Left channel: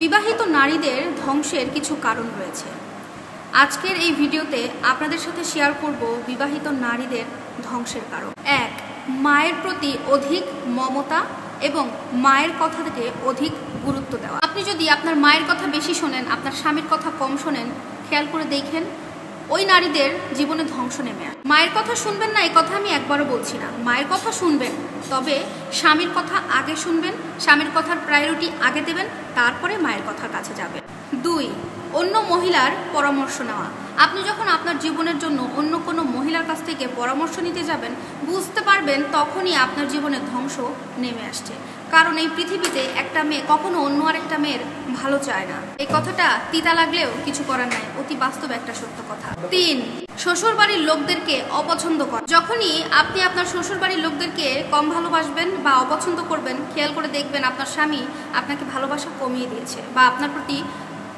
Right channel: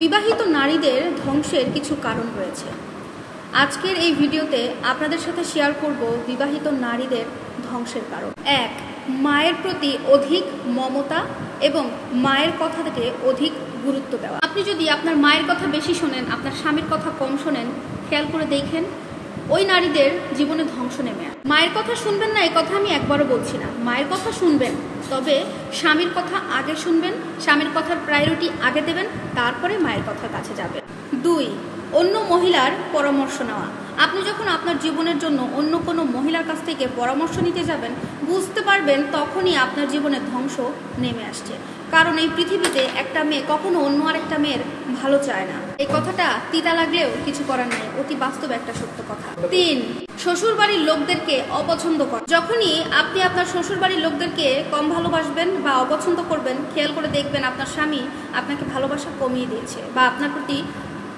বিবাহিত নারীদের ধ্বংসের কিছু কারণ রয়েছে। আজকের এই ভিডিওতে আপনাদের সাথে শেয়ার করব বিবাহিত নারীদের ধ্বংসের কারণ। 1. মায়ের প্রতি অধিক মমতা এবং মায়ের কথা থেকে অধিক গুরুত্ব দেওয়া। আপনি যদি আপনার মায়ের কথা বেশি শোনেন, আপনার স্বামীর কথা কম শোনেন, খেয়াল করে দেখেন ওই নারীদের জীবনে ধ্বংস নেমে আসে। মায়ের কথা শুনবেন না এই কথা আমি একবারও বলছি না, মায়ের কথা শুনবেন, তবে স্বামীর কথা আগে শুনবেন, স্বামীর কথার প্রায়োরিটি আগে দেবেন, তারপরে মায়ের কথার কাছে যাবেন। 2. অন্য মহিলার পরামর্শ নেওয়া। আপনি যখন আপনার জীবনের জন্য অন্য কোনো মহিলার কাছ থেকে পরামর্শ নিতে যাবেন, বুঝতে পারবেন তখনই আপনার জীবনে ধ্বংস নেমে আসছে। কারণ এই পৃথিবীতে একটা মেয়ে কখনো অন্য আরেকটা মেয়ের ভালো চায় না। এই কথাটা তিতা লাগলেও কিছু করার নাই, অতি বাস্তব একটা সত্য কথা। 3. শ্বশুর বাড়ির লোকদেরকে অপছন্দ করা। যখনই আপনি আপনার শ্বশুর বাড়ির লোকদেরকে কম ভালোবাসবেন বা অপছন্দ করবেন, খেয়াল করে দেখবেন আপনার স্বামী আপনাকে ভালোবাসা কমিয়ে দিয়েছে বা আপনার প্রতি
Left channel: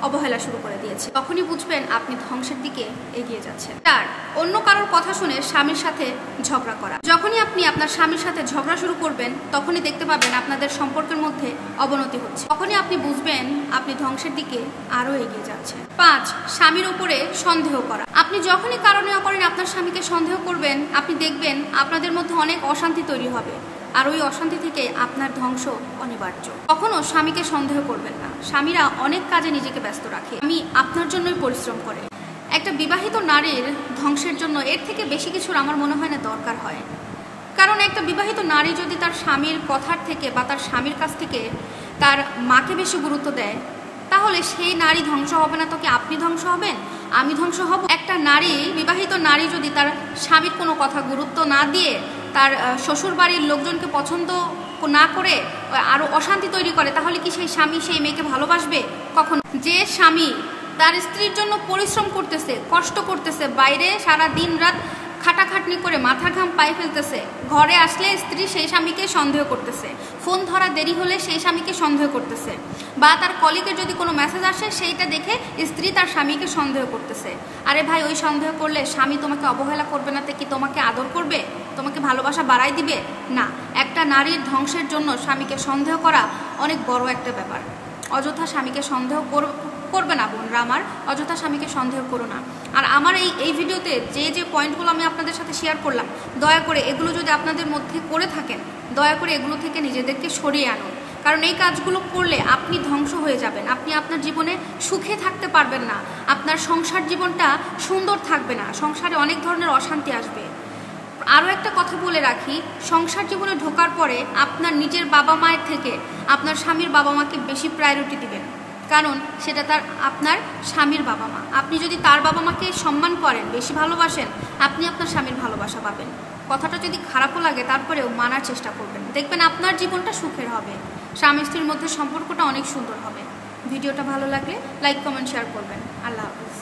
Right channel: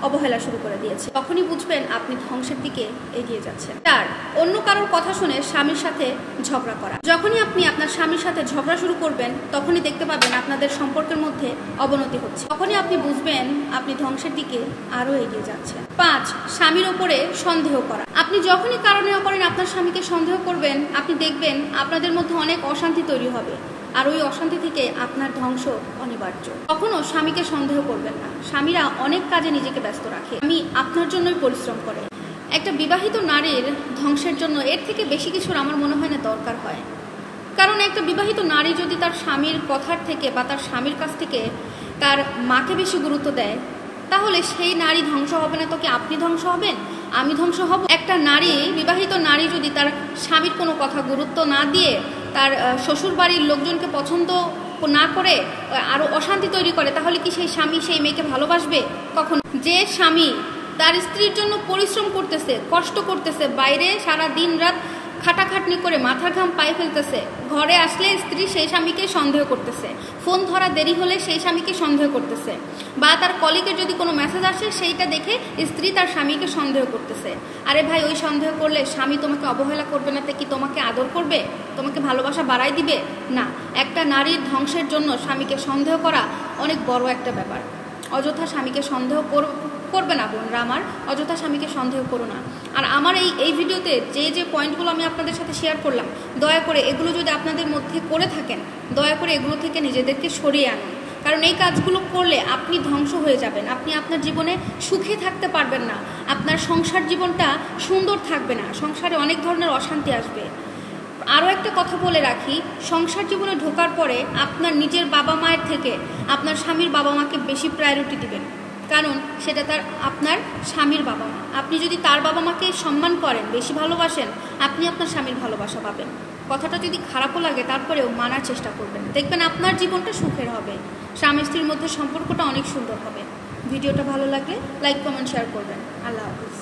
অবহেলা শুরু করে দিয়েছে। তখনই বুঝবেন আপনি ধ্বংসের দিকে এগিয়ে যাচ্ছেন। 4. অন্য কারোর কথা শুনে স্বামীর সাথে ঝগড়া করা। যখনই আপনি আপনার স্বামীর সাথে ঝগড়া শুরু করবেন, তখনই দেখতে পাবেন আপনাদের সম্পর্কের মধ্যে অবনতি হচ্ছে। তখনই আপনি বুঝবেন আপনি ধ্বংসের দিকে আরো এগিয়ে যাচ্ছেন। 5. স্বামীর উপরে সন্দেহ করা। আপনি যখনই কারণে করেন আপনার স্বামীকে সন্দেহ করবেন, আপনি দেখবেন আপনাদের মধ্যে অনেক অশান্তি তৈরি হবে, আর ওই অশান্তি থেকে আপনার ধ্বংস অনিবার্য। কখনো স্বামীকে সন্দেহ করবেন না। স্বামীরা অনেক কাজে নিজেকে ব্যস্ত রাখে, আমি আপনার জন্যই পরিশ্রম করে। একটা বিবাহিত নারীর ধ্বংসের জন্য এর থেকে বেশি কিছুর আমার মনে হয় না দরকার হয়। কারণ একটা বিবাহিত নারী যদি তার স্বামীর কথার থেকে বা তার স্বামীর কাছ থেকে তার মাকে বেশি গুরুত্ব দেয়, তাহলে সেই নারী ধ্বংস হবে না তো কি আপনি ধ্বংস হবেন, আমি ধ্বংস হব? একটা নারী, বিবাহিত নারী যদি তার স্বামীর কোনো কথা গুরুত্ব না দিয়ে তার শ্বশুর বাড়ির লোকজনকে পছন্দ না করে আরো অশান্তি তৈরি করে, তাহলে কি সেই স্বামী সেই মেয়েকে ভালোবাসবে? কখনো। যে স্বামী তার স্ত্রীর জন্য পরিশ্রম করতেছে, কষ্ট করতেছে, বাইরে সারা দিন রাত খাটাখাটনি করে মাথার ঘাম পায়ে ফেলতেছে, ঘরে আসলে স্ত্রী সেই স্বামীকে সন্দেহ করতেছে, ফোন ধরা দেরি হলে সেই স্বামীকে সন্দেহ করতেছে, বা তার কলিগের যদি কোনো মেসেজ আসে সেইটা দেখে স্ত্রী তার স্বামীকে সন্দেহ করতেছে। আরে ভাই, ওই সন্দেহ করলে স্বামী তোমাকে অবহেলা করবে না, কি তোমাকে আদর করবে, তোমাকে ভালোবাসা বাড়াই দিবে? না। একটা নারীর ধ্বংসের জন্য স্বামীকে সন্দেহ করা অনেক বড় একটা ব্যাপার। অযথা স্বামীকে সন্দেহ করবে না বোনরা আমার, অযথা স্বামীকে সন্দেহ করো না। আর আমার এই ভিডিওতে যে পয়েন্টগুলো আমি আপনাদের সাথে শেয়ার করলাম, দয়া করে এগুলো যদি আপনাদের মধ্যে করে থাকেন, দয়া করে এগুলো থেকে নিজেদেরকে সরিয়ে আনুন। কারণ এই কাজগুলো করলে আপনি ধ্বংস হয়ে যাবেন, আপনি আপনার জীবনে সুখে থাকতে পারবেন না, আপনার সংসার জীবনটা সুন্দর থাকবে না, সংসারে অনেক ধরনের অশান্তি আসবে। আরও একটা কথা বলে রাখি, সংসার জীবনে ঢোকার পরে আপনার নিজের বাবা মায়ের থেকে আপনার স্বামীর বাবা মাকে বেশি প্রায়োরিটি দিবেন, কারণ সেটা আপনার স্বামীর বাবা মা। আপনি যদি তার বাবা মাকে সম্মান করেন, বেশি ভালোবাসেন, আপনি আপনার স্বামীর ভালোবাসা পাবেন। কথাটা যদি খারাপও লাগে তারপরেও মানার চেষ্টা করবেন, দেখবেন আপনার জীবনটা সুখের হবে, স্বামী স্ত্রীর মধ্যে সম্পর্কটা অনেক সুন্দর হবে। ভিডিওটা ভালো লাগলে লাইক কমেন্ট শেয়ার করবেন। আল্লাহ হাফেজ।